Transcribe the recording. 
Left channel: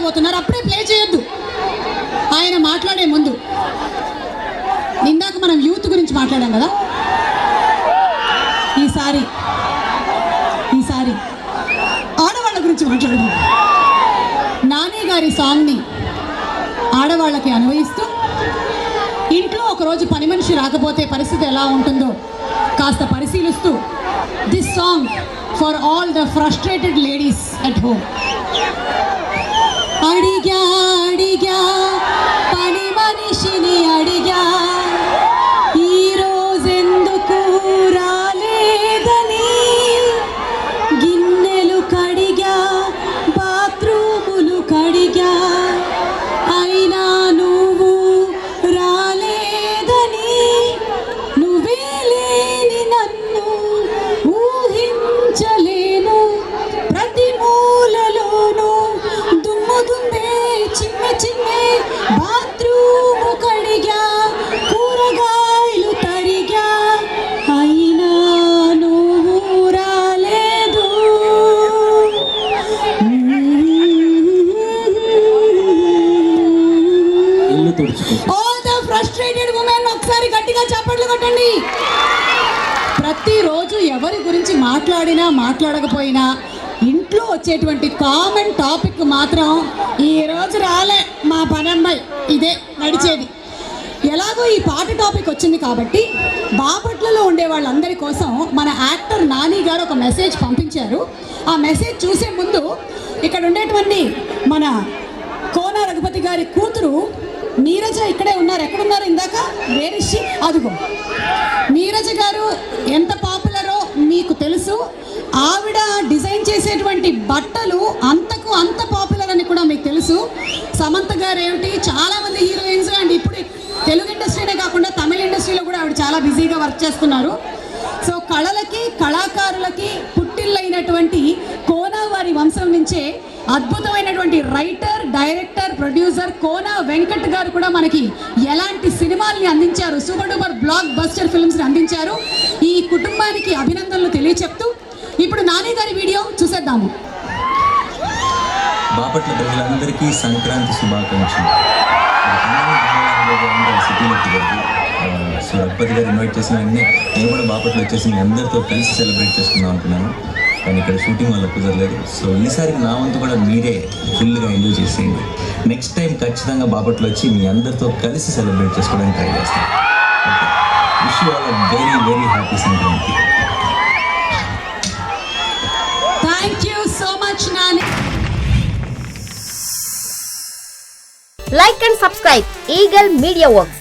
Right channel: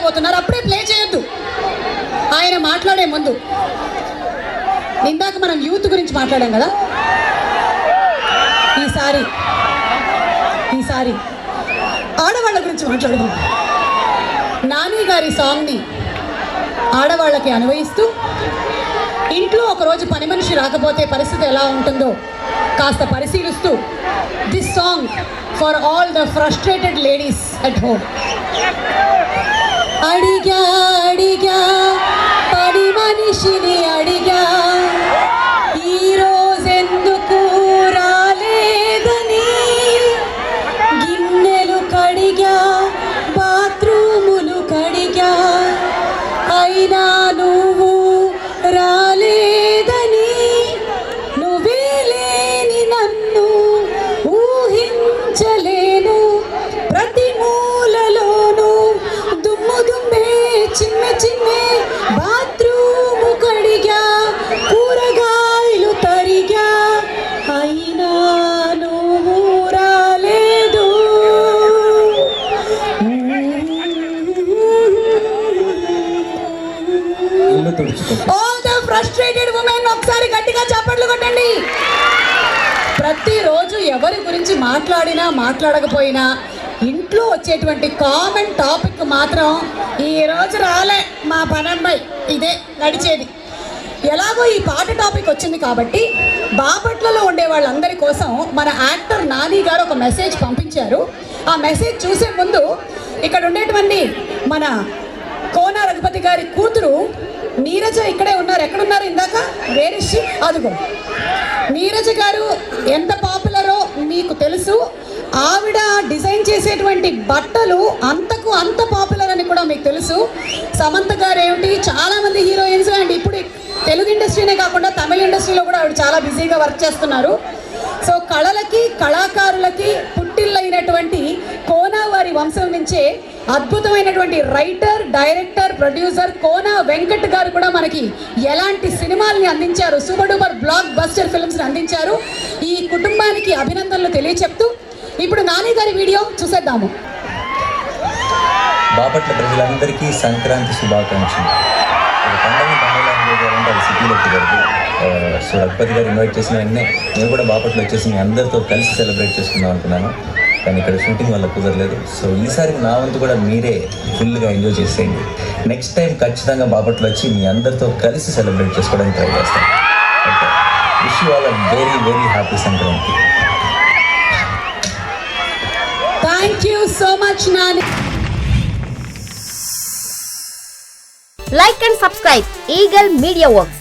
మాట్లాడబోతున్నారు. అప్పుడే ప్లే చేయొద్దు. ఆయన మాట్లాడే ముందు ఇందాక మనం యూత్ గురించి మాట్లాడాం కదా, ఈసారి ఆడవాళ్ళ గురించి మాట్లాడదాం. నాని గారి సాంగ్ని ఆడవాళ్ళకి అన్వయిస్తూ ఇంట్లో ఒకరోజు పని మనిషి రాకపోతే పరిస్థితి ఎలా ఉంటుందో కాస్త పరిశీలిస్తూ this song for all the frustrated ladies at home. అడిగా అడిగా పని మనిషిని అడిగా, ఈరోజెందుకు రాలేదని, గిన్నెలు కడిగా బాత్రూములు కడిగా, అయినా నువ్వు రాలేదని, నువ్వే లేని నన్ను ఊహించలేను, ప్రతి మూలలోనూ దుమ్ము దుమ్మే చిన్న చిన్నే, బాత్రూము కడిగా కూరగాయలు తరిగా, అయినా నువ్వు రాలేదు. ఆల్ ద ఫ్రస్ట్రేటెడ్ ఉమెన్ ఒకసారి గట్టిగా చప్పట్లు కొట్టండి. ప్రతిరోజు ఎవరి గురించి మాట్లాడినా మాట్లాడకపోయినా ఇంట్లో వచ్చేటువంటి కామన్ టాపిక్ మాత్రం ఈ రోజు రాలే మా పనమ్మాయి, ఇదే నడిచేది. ఎలాగో ఈ పాట టాపిక్ వచ్చింది కాబట్టి బాపట్లలో ఉండే వాళ్ళందరి కోసం మన యాక్టర్ నాని గారు ఒక మెసేజ్ పంపించారు. ఆ మెసేజ్ చూసే ముందు ఇక్కడ ఉండేటువంటి మన కోన రఘుపతి గారి కూతురు నీరజ ఇక్కడే ఉన్నారు. ఎక్కడున్నారు? ఇందాక వేరిషి అదుగో. నీరజ గారు ఎంత పాపులరో మీకు తెలుసు. ఆవిడ డిజైన్ చేసేటువంటి బట్టలు అంతకు అంత పాపులర్ అని కూడా మీకు తెలుసు. సమంత గారు ఏమిటి, చాలామంది హీరోయిన్స్ అండ్ ఇప్పుడు తెలుగు ఇండస్ట్రీనే కాకుండా తమిళ ఇండస్ట్రీలో కూడా ఆవిడ చాలా బిజీగా వర్క్ చేస్తున్నారు. సో కళలకి కళాకారులకి పుట్టిల్లైనటువంటి కోనా వారి వంశం నుంచే అద్భుతమైనటువంటి writer, director, producer Kona Venkat గారు కూడా మనకి ఎలాంటి సినిమాల్ని అందించారు, సూపర్ డూపర్ బ్లాక్ బస్టర్ ఫిల్మ్స్ని అందించారు. ఈ కుటుంబానికి అభినందనలు తెలియచెప్తూ ఇప్పుడు నాని గారి వీడియో చూసేద్దాము. బాపట్ల ప్రజలందరికీ సంక్రాంతి శుభాకాంక్షలు. సిటీలోకి వరకు సో రఘుపతి గారు ఇన్వైట్ చేసిన వెంటనే నేను కూడా బాపట్ల వచ్చేసి మీ అందరితో కలిసి సెలబ్రేట్ చేసుకుందాం అనుకున్నాను. కానీ ఇక్కడ షూటింగ్ వల్ల కుదరలేదు. సో ఈసారి నా వంతు కూడా మీరే ఫుల్గా ఎంజాయ్ చేసేయండి. నెక్స్ట్ టైం ఖచ్చితంగా బాపట్ల వచ్చి మీ అందరితో కలిసి సెలబ్రేట్ చేసుకోవడానికి ట్రై చేస్తాను. Okay, wish you all a very very happy Sankranti. Thank you so much Nani. Like and subscribe Eagle Media Works.